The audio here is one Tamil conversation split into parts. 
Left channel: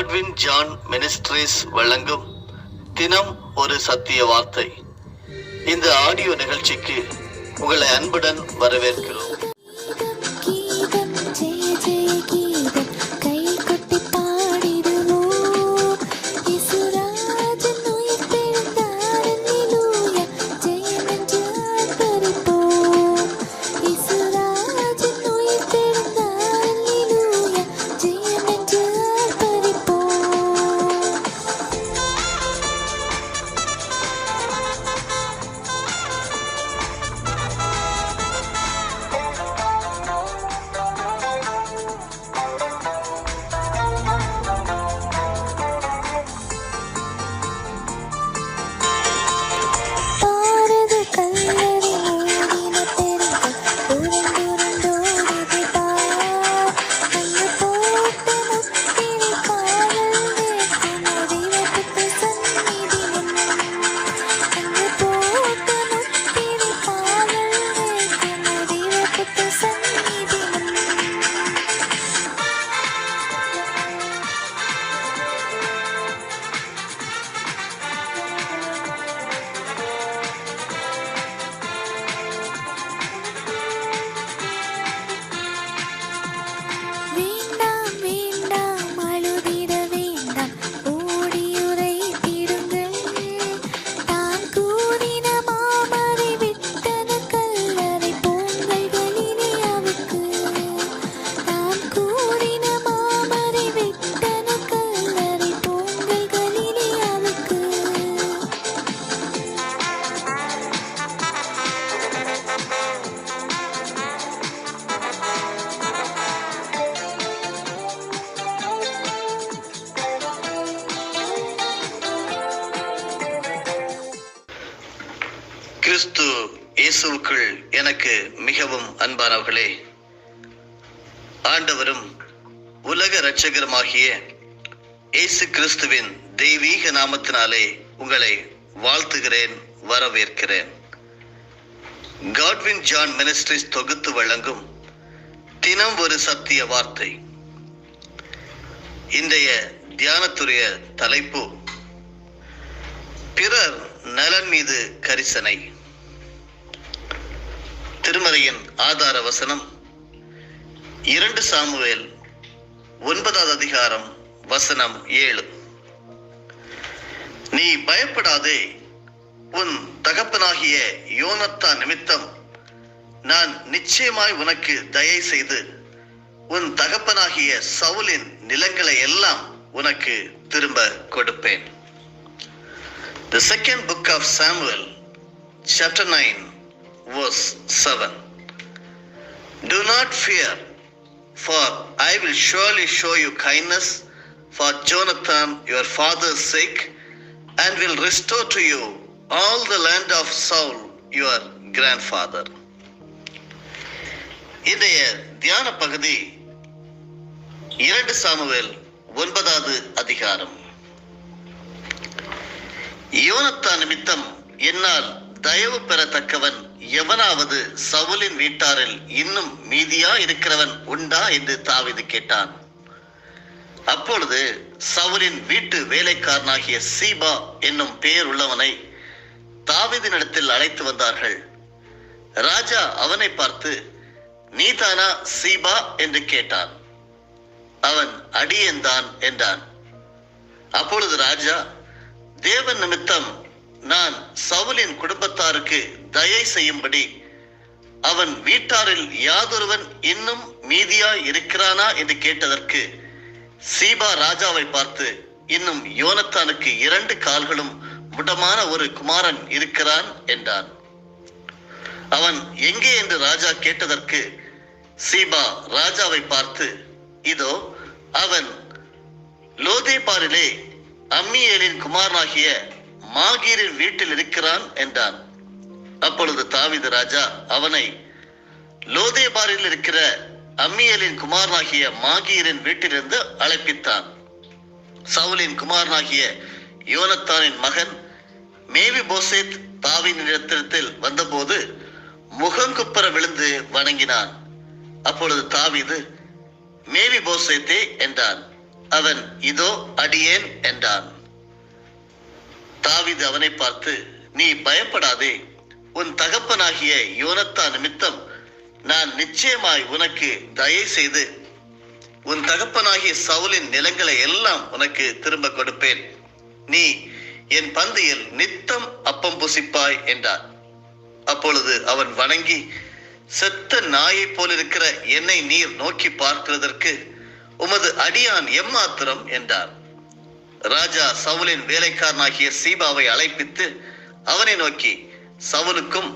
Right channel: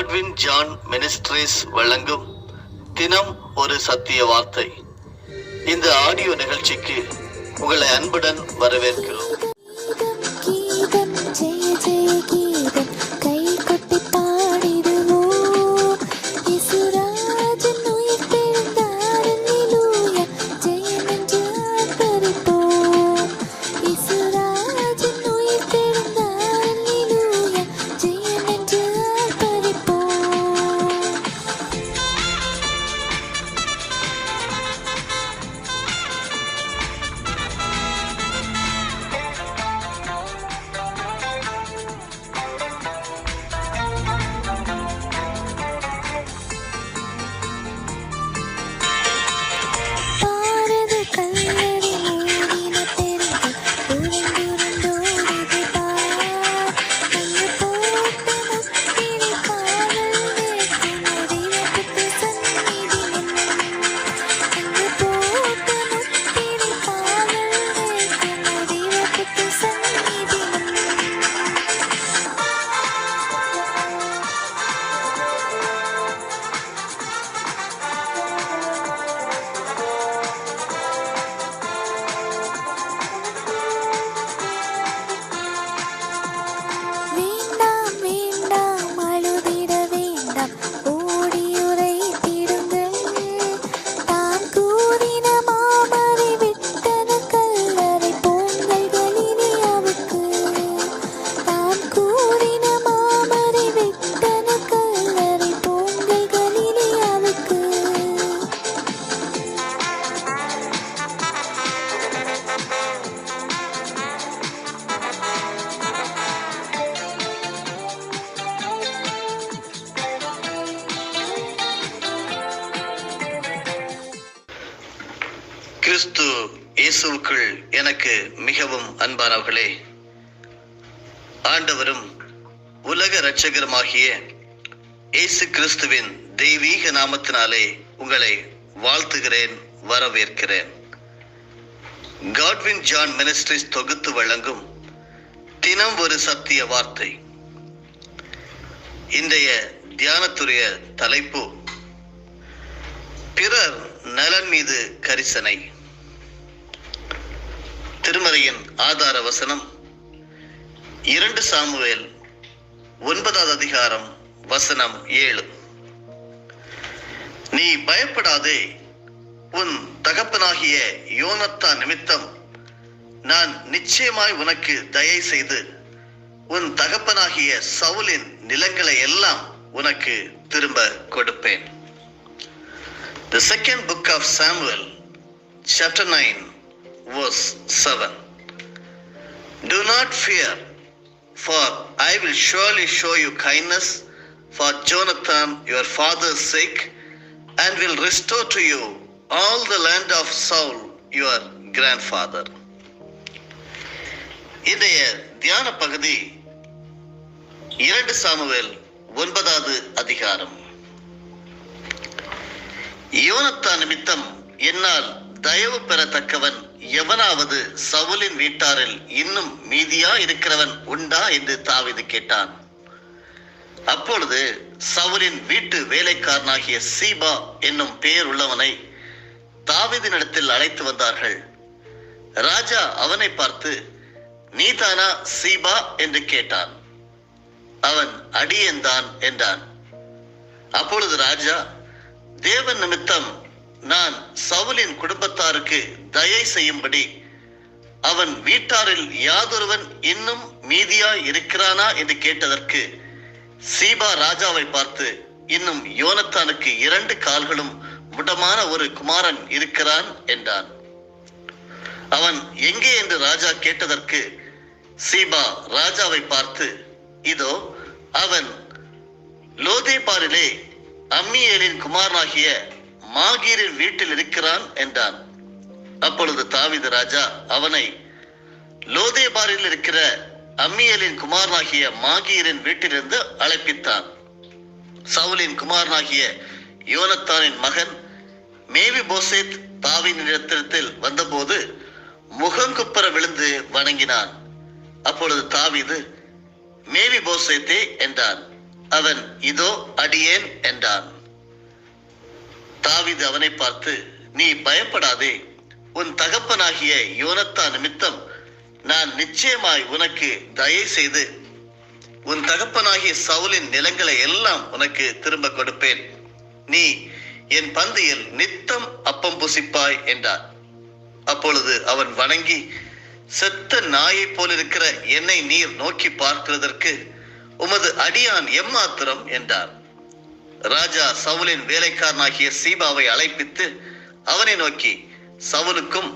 காட்வின் ஜான் மினிஸ்ட்ரீஸ் வழங்கும் தினம் ஒரு சத்திய வார்த்தை. இந்த ஆடியோ நிகழ்ச்சிக்கு உங்களை அன்புடன் வரவேற்கிறோம். கிறிஸ்து இயேசுவுக்குள் எனக்கு மிகவும் அன்பானவர்களே, ஆண்டவரும் உலக இரட்சகருமாகிய இயேசு கிறிஸ்துவின் தெய்வீக நாமத்தினாலே உங்களை வாழ்த்துகிறேன், வரவேற்கிறேன். காட்வின் ஜான் மினிஸ்ட்ரீஸ் தொகுத்து வழங்கும் தினம் ஒரு சத்திய வார்த்தை. இன்றைய தியானத்துடைய தலைப்பு பிறர் நலன் மீது கரிசனை. திருமறையின் ஆதார வசனம் 2 சாமுவேல் 9வது அதிகாரம் வசனம் 7. நீ பயப்படாதே, உன் தகப்பனாகிய யோனத்தான் நிமித்தம் நான் நிச்சயமாய் உனக்கு தயை செய்து உன் தகப்பனாகிய சவுலின் நிலங்களை எல்லாம் உனக்கு திரும்ப கொடுப்பேன். The second book of Samuel, chapter 9, verse 7. Do not fear, for I will surely show you kindness for Jonathan your father's sake, and will restore to you all the land of Saul your grandfather. இன்றைய தியான பகுதி 2 சாமுவேல் 9வது அதிகாரம். யோனத்தான் நிமித்தம் என்னால் தயவு பெறத்தக்கவன் எவனாவது சவுலின் வீட்டாரில் இன்னும் மீதியா இருக்கிறவன் உண்டா என்று தாவீது கேட்டான். அப்பொழுது சவுலின் வீட்டு வேலைக்காரனாகிய சீபா என்னும் பெயர் உள்ளவனை தாவீதினிடத்தில் அழைத்து வந்தார்கள். ராஜா அவனை பார்த்து, நீதானா சீபா என்று கேட்டான். அவன் அடியேன்தான் என்றான். அப்பொழுது ராஜா, தேவன் நிமித்தம் நான் சவுலின் குடும்பத்தாருக்கு தயை செய்யும்படி அவன் வீட்டாரில் யாதொருவன் இன்னும் மீதியாய் இருக்கிறானா என்று கேட்டதற்கு சீபா ராஜாவை பார்த்து, இன்னும் யோனத்தானுக்கு 2 கால்களும் முடமான ஒரு குமாரன் இருக்கிறான் என்றான். அவன் எங்கே என்று ராஜா கேட்டதற்கு சீபா ராஜாவை பார்த்து, இதோ அவன் லோதேபாரிலே அம்மியேலின் குமாரனாகிய மாகீரின் வீட்டில் இருக்கிறான் என்றான். அப்பொழுது தாவீது ராஜா அவனை லோதேபாரில் இருக்கிற அம்மியேலின் குமாரனாகிய மாகீரின் வீட்டிலிருந்து அழைப்பித்தான். சவுலின் குமாரனாகிய யோனத்தானின் மகன் மேவிபோசேத் தாவீதினிடத்தில் வந்தபோது முகங்குப்புற விழுந்து வணங்கினான். அப்பொழுது தாவீது, மேவிபோசேத்தே என்றான். அவன் இதோ அடியேன் என்றான். தாவீது அவனை பார்த்து, நீ பயப்படாதே, உன் தகப்பனாகிய யோனத்தான் நிமித்தம் நான் நிச்சயமாய் உனக்கு தயை செய்து உன் தகப்பனாகிய சவுலின் நிலங்களை எல்லாம் உனக்கு திரும்ப கொடுப்பேன். நீ என் பந்தியில் நித்தம் அப்பம் புசிப்பாய் என்றார். அப்பொழுது அவன் வணங்கி, செத்த நாயை போலிருக்கிற என்னை நீர் நோக்கி பார்க்கிறதற்கு உமது அடியான் எம்மாத்திரம் என்றார். ராஜா சவுலின் வேலைக்காரனாகிய சீபாவை அழைப்பித்து அவனை நோக்கி, சவுலுக்கும்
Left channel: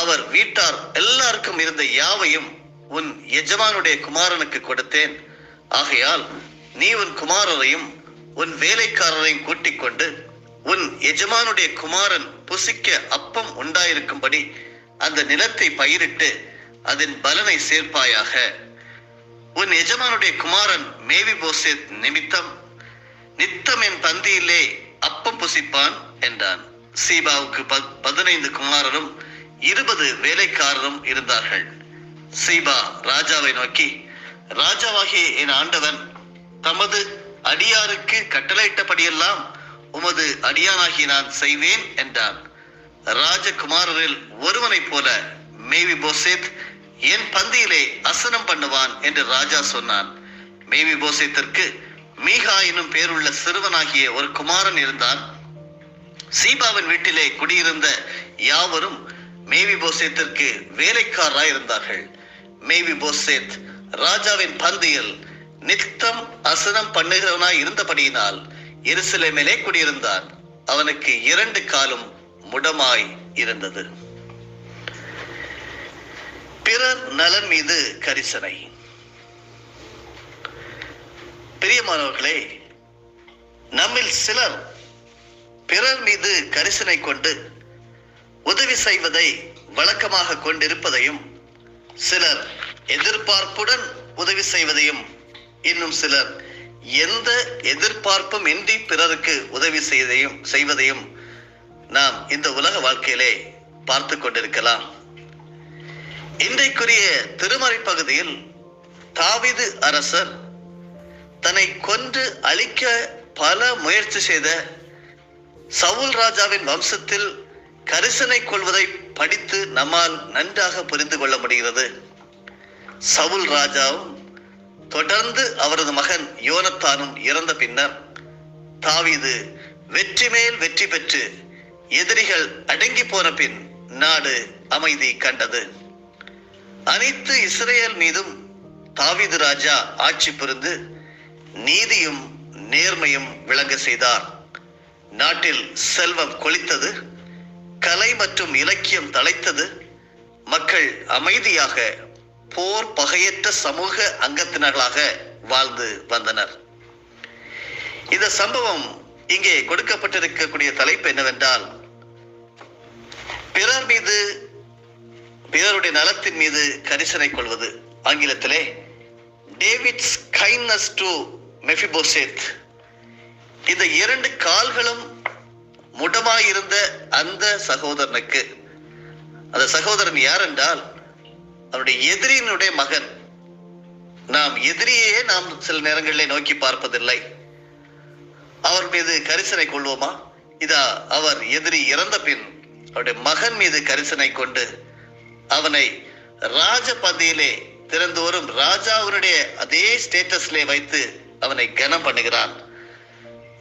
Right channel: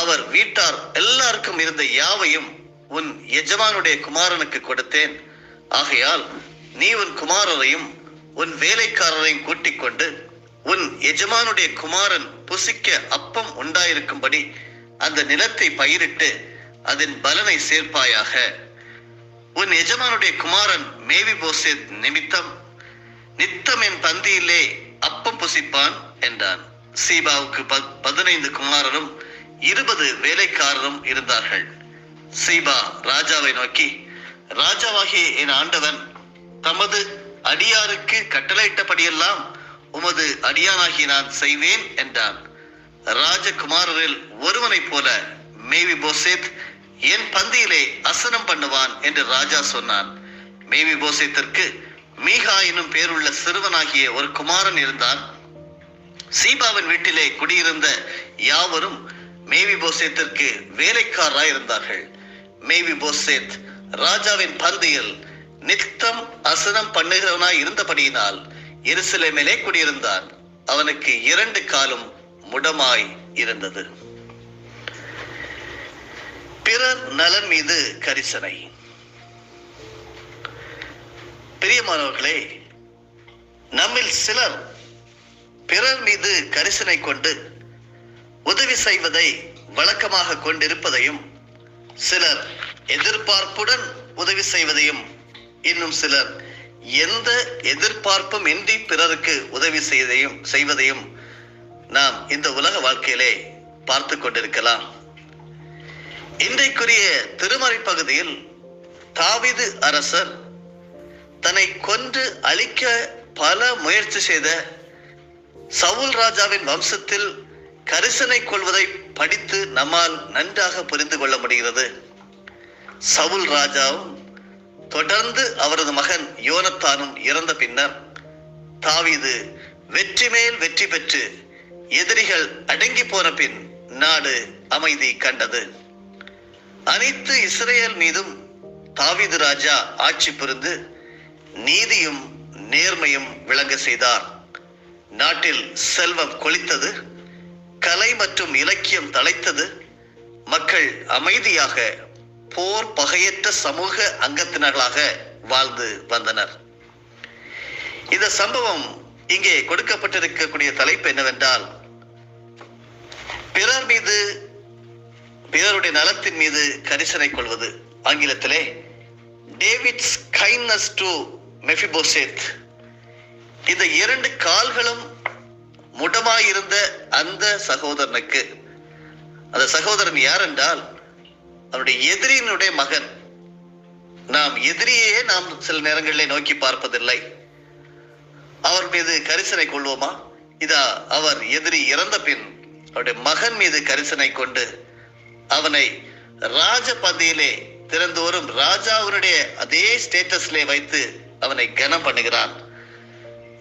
அவர் வீட்டார் எல்லாருக்கும் இருந்த யாவையும் உன் எஜமானுடைய குமாரனுக்கு கொடுத்தேன். ஆகையால் நீ உன் குமாரரையும் உன் வேலைக்காரரையும் கூட்டிக் கொண்டு உன் எஜமானுடைய குமாரன் புசிக்க அப்பம் உண்டாயிருக்கும்படி அந்த நிலத்தை பயிரிட்டு அதன் பலனை சேர்ப்பாயாக. உன் எஜமானுடைய குமாரன் மேவிபோசேத் நிமித்தம் நித்தம் என் பந்தியிலே அப்பம் புசிப்பான் என்றான். சீபாவுக்கு 15 குமாரரும் 20 வேலைக்காரரும் இருந்தார்கள். சீபா ராஜாவை நோக்கி, ராஜாவாகிய என் ஆண்டவன் தமது அடியாருக்கு கட்டளையிட்டபடியெல்லாம் உமது அடியானாகி நான் செய்வேன் என்றான். ராஜகுமாரரில் ஒருவனைப் போல மேவிபோசேத் என் பந்தியிலே அசனம் பண்ணுவான் என்று ராஜா சொன்னான். மேவிபோசேத்திற்கு மீகா எனும் பேருள்ள சிறுவனாகிய ஒரு குமாரன் இருந்தான். சீபாவின் வீட்டிலே குடியிருந்த யாவரும் மேவிபோசேத்திற்கு வேலைக்காரராய் இருந்தார்கள். மேவிபோசேத் ராஜாவின் பந்தியில் நித்தம் அசனம் பண்ணுகிறவனாய் இருந்தபடியினால் எருசலேமிலே குடியிருந்தான். அவனுக்கு 2 காலும் முடமாய் இருந்தது. பிறர் நலன் மீது கரிசனை. பிரியமானவர்களே, நம்மில் சிலர் பிறர் மீது கரிசனை கொண்டு உதவி செய்வதை வழக்கமாக கொண்டிருப்பதையும், சிலர் எதிர்பார்ப்புடன் உதவி செய்வதையும், இன்னும் சிலர் எந்த எதிர்பார்ப்பும் இன்றி பிறருக்கு உதவி செய்வதையும் நாம் இந்த உலக வாழ்க்கையிலே பார்த்து கொண்டிருக்கலாம். இன்றைக்குரிய திருமறை பகுதியில் தாவீது அரசர் தன்னை கொன்று அழிக்க பல முயற்சி செய்த சவுல் ராஜாவின் வம்சத்தில் கரிசனை கொள்வதை படித்து நம்மால் நன்றாக புரிந்து கொள்ள முடிகிறது. சவுல் ராஜாவும் தொடர்ந்து அவரது மகன் யோனத்தானும் இறந்த பின்னர் தாவீது வெற்றி மேல் வெற்றி பெற்று எதிரிகள் அடங்கி போன பின் நாடு அமைதி கண்டது. அனைத்து இஸ்ரேல் மீதும் தாவீது ராஜா ஆட்சி புரிந்து நீதியும் நேர்மையும் விளங்க செய்தார். நாட்டில் செல்வம் கொளித்தது, கலை மற்றும் இலக்கியம் தழைத்தது, மக்கள் அமைதியாக போர் பகையற்ற சமூக அங்கத்தினர்களாக வாழ்ந்து வந்தனர். இந்த சம்பவம் இங்கே கொடுக்கப்பட்டிருக்கக்கூடிய தலைப்பு என்னவென்றால், பிறர் மீது, பிறருடைய நலத்தின் மீது கரிசனை கொள்வது. ஆங்கிலத்திலே டேவிட்ஸ் கைண்ட்னஸ் டு மெஃபிபோசேத். இந்த 2 கால்களும் முடமாயிருந்த அந்த சகோதரனுக்கு, அந்த சகோதரன் யார் என்றால் அவருடைய எதிரியினுடைய மகன். நாம் எதிரியே நாம் சில நேரங்களிலே நோக்கி பார்ப்பதில்லை. அவர் மீது கரிசனை கொள்வோமா? இதா அவர் எதிரி இறந்த பின் அவருடைய மகன் மீது கரிசனை கொண்டு அவனை ராஜ பந்தியிலே திறந்தோறும் ராஜாவுடைய அதே ஸ்டேட்டஸ்லே வைத்து அவனை கனம் பண்ணுகிறான்.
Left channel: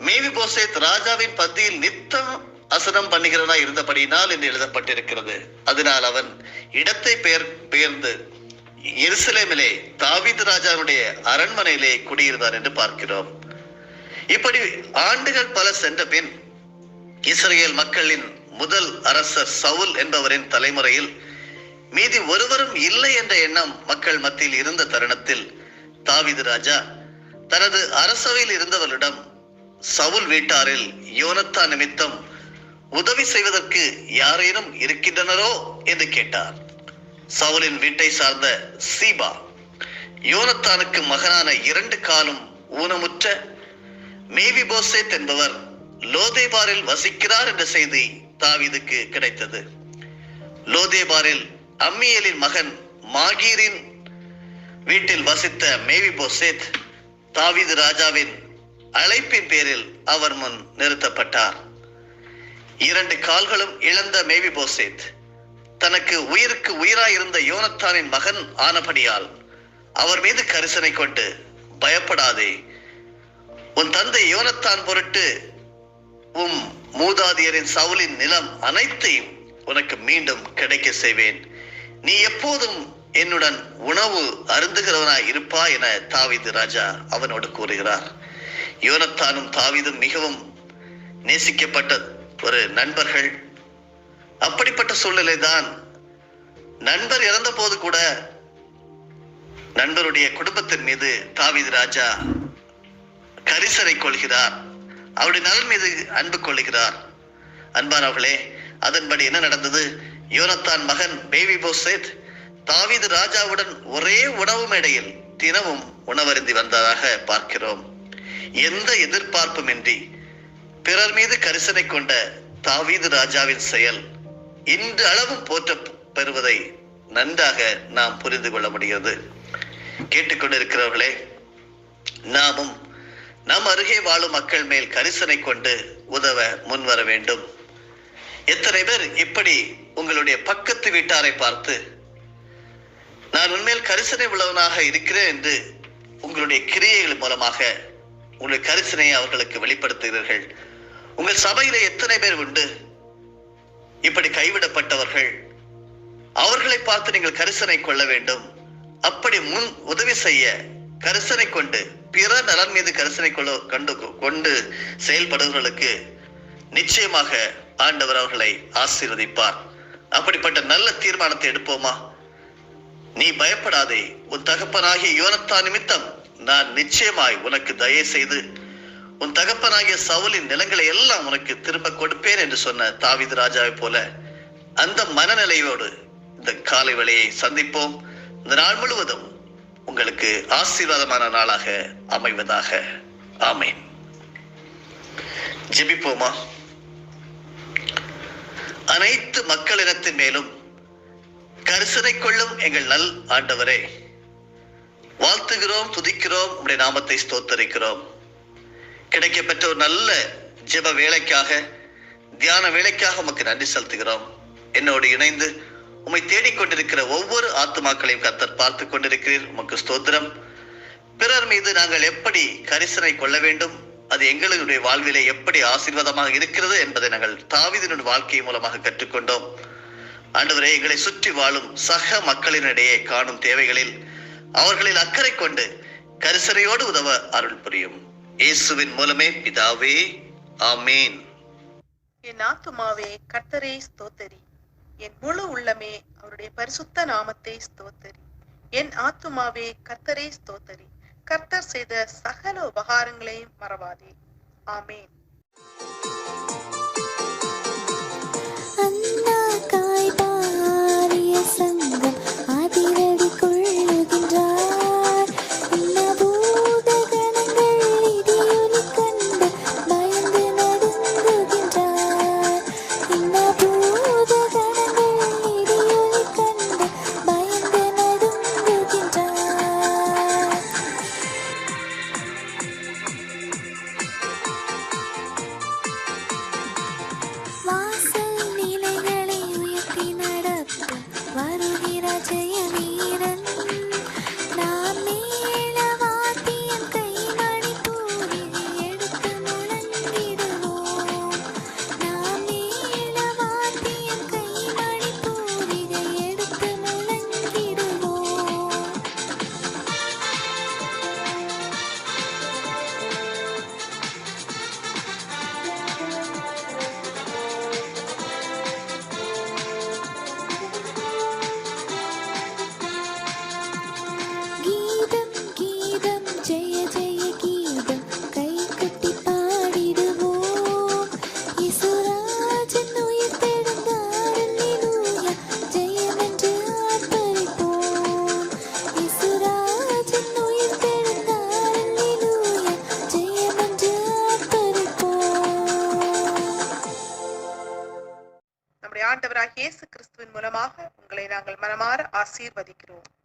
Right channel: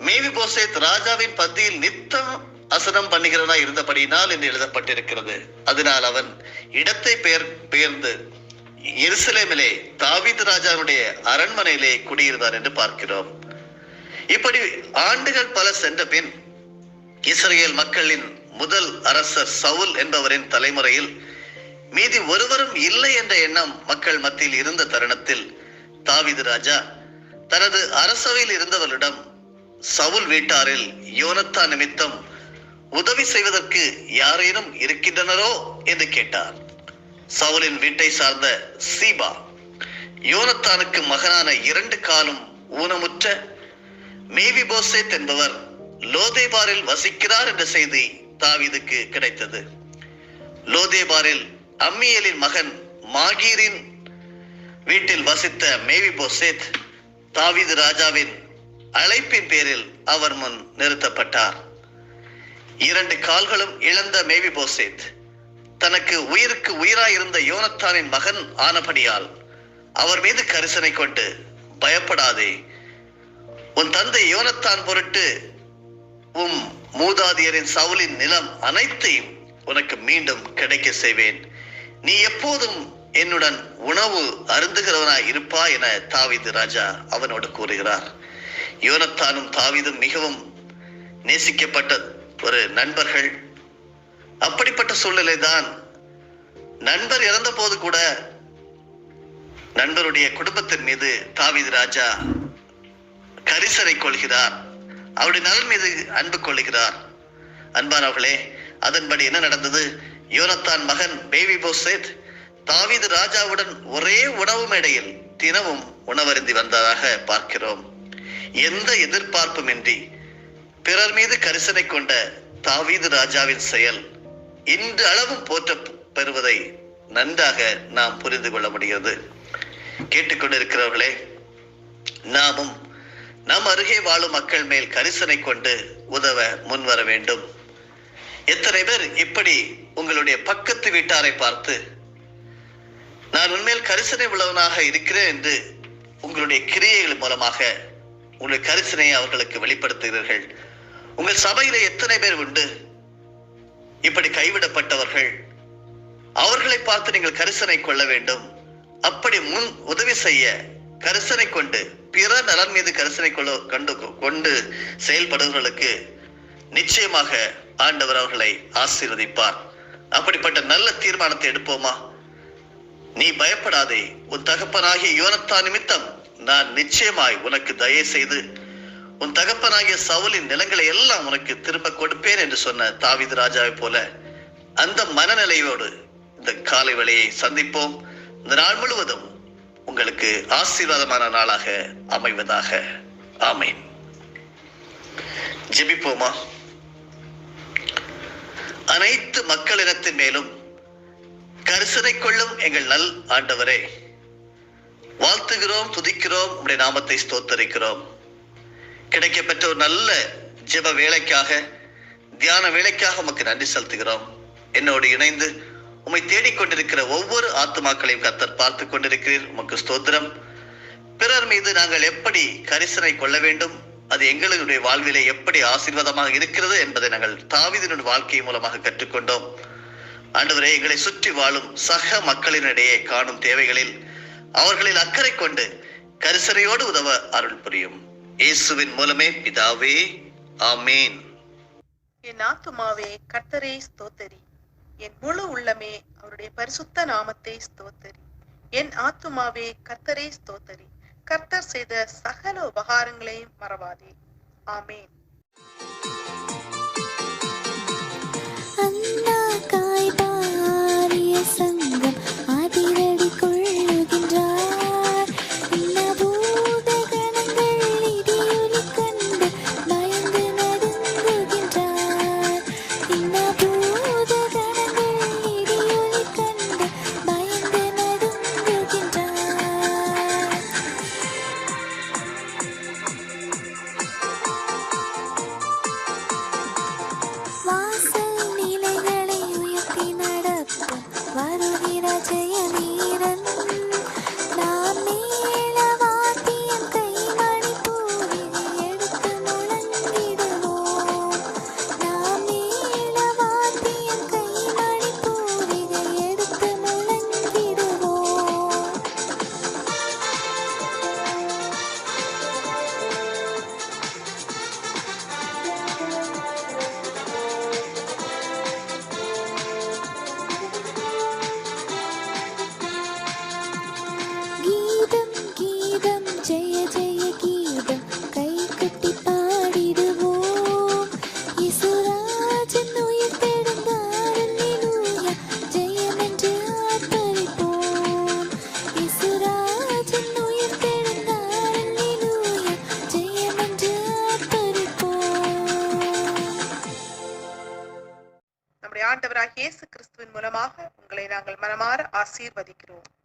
மேவிபோசேத் ராஜாவின் பந்தியில் நித்தம் அசனம் பண்ணுகிறதா இருந்தபடியினால் என்று எழுதப்பட்டிருக்கிறது. அதனால் அவன் இடத்தை பெயர்ந்து எருசலேமிலே தாவீது ராஜாவுடைய அரண்மனையிலே குடியிருந்தான் என்று பார்க்கிறோம். இப்படி ஆண்டுகள் பல சென்ற பின் இஸ்ரேல் மக்களின் முதல் அரசர் சவுல் என்பவரின் தலைமுறையில் மீதி ஒருவரும் இல்லை என்ற எண்ணம் மக்கள் மத்தியில் இருந்த தருணத்தில் தாவீது ராஜா தனது அரசவையில் இருந்தவரிடம் சவுல் வீட்டாரில் யோனத்தான் நிமித்தம் உதவி செய்வதற்கு யாரேனும் இருக்கின்றனரோ என்று கேட்டார். சவுலின் வீட்டை சார்ந்த சீபா யோனத்தானுக்கு மகனான 2 காலும் ஊனமுற்ற மேவிபோசேத் என்பவர் லோதேபாரில் வசிக்கிறார் என்ற செய்தி தாவீதுக்கு கிடைத்தது. லோதேபாரில் அம்மியேலின் மகன் மாகீரின் வீட்டில் வசித்த மேவிபோசேத் தாவீது ராஜாவின் அழைப்பின் பேரில் அவர் முன் நிறுத்தப்பட்டார். 2 கால்களும் இழந்த மேவிபோசேத் தனக்கு உயிருக்கு உயிராயிருந்த யோனத்தானின் மகன் ஆனபடியால் அவர் மீது கரிசனை கொண்டு, பயப்படாதே, உன் தந்தை யோனத்தான் பொருட்டு மூதாதியரின் சவுலின் நிலம் அனைத்தையும் உனக்கு மீண்டும் கிடைக்க செய்வேன். நீ எப்போதும் என்னுடன் உணவு அருந்துகிறவனாய் இருப்பா என தாவீது ராஜா அவனோடு கூறுகிறார். யோனத்தானும் தாவீதும் மிகவும் நேசிக்கப்பட்ட ஒரு நண்பர்கள். அப்படிப்பட்ட சூழ்நிலை தான். நண்பர் இறந்த போது கூட நண்பருடைய குடும்பத்தின் மீது தாவீது ராஜா கரிசனை கொள்கிறார். அவருடைய நலன் மீது அன்பு கொள்கிறார். அன்பானவர்களே, அதன்படி என்ன நடந்தது? யோனத்தான் மகன் மேவிபோசேத் தாவீது ராஜாவுடன் ஒரே உணவு மேடையில் தினமும் உணவருந்தி வந்ததாக பார்க்கிறோம். எந்த எதிர்பார்ப்புமின்றி பிறர் மீது கரிசனை கொண்ட தாவீது ராஜாவின் செயல் இன்று அளவும் போற்ற பெறுவதை நன்றாக நாம் புரிந்து கொள்ள முடிகிறது. கேட்டுக்கொண்டிருக்கிறவர்களே, நாமும் நம் அருகே வாழும் மக்கள் மேல் கரிசனை கொண்டு உதவ முன்வர வேண்டும். எத்தனை பேர் இப்படி உங்களுடைய பக்கத்து வீட்டாரை பார்த்து, நான் உண்மையில் கரிசனை உள்ளவனாக இருக்கிறேன் என்று உங்களுடைய கிரியைகள் மூலமாக உங்களுடைய கரிசனையை அவர்களுக்கு வெளிப்படுத்துகிறீர்கள்? உங்கள் சபையில எத்தனை பேர் உண்டு இப்படி கைவிடப்பட்டவர்கள்? அவர்களை பார்த்து நீங்கள் கரிசனை கொள்ள வேண்டும். அப்படி முன் உதவி செய்ய கரிசனை கொண்டு பிற நலன் மீது கரிசனை கொண்டு செயல்படுவர்களுக்கு நிச்சயமாக ஆண்டவர் அவர்களை ஆசீர்வதிப்பார். அப்படிப்பட்ட நல்ல தீர்மானத்தை எடுப்போமா? நீ பயப்படாதே, உன் தகப்பனாகிய யோனத்தான் நிமித்தம் நான் நிச்சயமாய் உனக்கு தயை செய்து உன் தகப்பனாகிய சவுலின் நிலங்களை எல்லாம் உனக்கு திரும்ப கொடுப்பேன் என்று சொன்ன தாவீது ராஜாவை போல அந்த மனநிலையோடு இந்த காலை வேளையை சந்திப்போம். இந்த நாள் முழுவதும் உங்களுக்கு ஆசீர்வாதமான நாளாக அமைவதாக. ஆமேன். ஜெபிப்போமா? அனைத்து மக்களினத்தின் மேலும் கரிசனை கொள்ளும் எங்கள் நல் ஆண்டவரே, வாழ்த்துகிறோம், துதிக்கிறோம், உம்முடைய நாமத்தை ஸ்தோத்தரிக்கிறோம். கிடைக்கப்பெற்ற ஒரு நல்ல ஜெப வேலைக்காக, தியான வேலைக்காக உமக்கு நன்றி செலுத்துகிறோம். என்னோடு இணைந்து உம்மை தேடிக்கொண்டிருக்கிற ஒவ்வொரு ஆத்துமாக்களையும் கர்த்தர் பார்த்து கொண்டிருக்கிறீர். உமக்கு ஸ்தோத்திரம். பிறர் மீது நாங்கள் எப்படி கரிசனை கொள்ள வேண்டும், அது எங்களுடைய வாழ்விலே எப்படி ஆசீர்வாதமாக இருக்கிறது என்பதை நாங்கள் தாவீதினுடைய வாழ்க்கை மூலமாக கற்றுக்கொண்டோம். ஆண்டவரே, எங்களை சுற்றி வாழும் சக மக்களினிடையே காணும் தேவைகளில் அவர்களில் அக்கறை கொண்டு கரிசனையோடு உதவ அருள் புரியும். இயேசுவின் மூலமே பிதாவே, ஆமேன். என் ஆத்துமாவே கர்த்தரை ஸ்தோத்தரி, என் முழு உள்ளமே அவருடைய பரிசுத்த நாமத்தை ஸ்தோத்தரி. என் ஆத்துமாவே கர்த்தரை ஸ்தோத்தரி, கர்த்தர் செய்த சகல உபகாரங்களையும் மறவாதே. ஆமேன். சங்கம் அதிரடி கொள்ளுகின்றார். பூத கணங்கள் இடியொலி கண்டு பயந்து நடுங்குகின்றார். பூத கணங்கள் இடியொலி கண்டு பயந்து நடுங்குகின்றார். வாசல் நிலைகளை உயர்த்தி நடப்பும் வருகிற ஜெய வீரன், நாம் மேல வாத்தியம் கைமணி பூரிகை எடுத்து முழங்கிடுவோம். நாம் மேல வாத்தியம் கைமணி பூரிகை எடுத்து முழங்கிடுவோம். ஜெய ஜெய கீதம் கை கட்டி பாடிடுவோம். இசுராஜன் உயிர் தெழுந்தார், அல்லேலூயா, ஜெயம் என்று ஆர்ப்பரிப்போம். இசுராஜன் உயிர் தெழுந்தார், அல்லேலூயா, ஜெயம் என்று ஆர்ப்பரிப்போம். நம்முடைய ஆண்டவராகிய இயேசு கிறிஸ்துவின் மூலமாக உங்களை நாங்கள் மனமாற ஆசீர்வதிக்கிறோம்.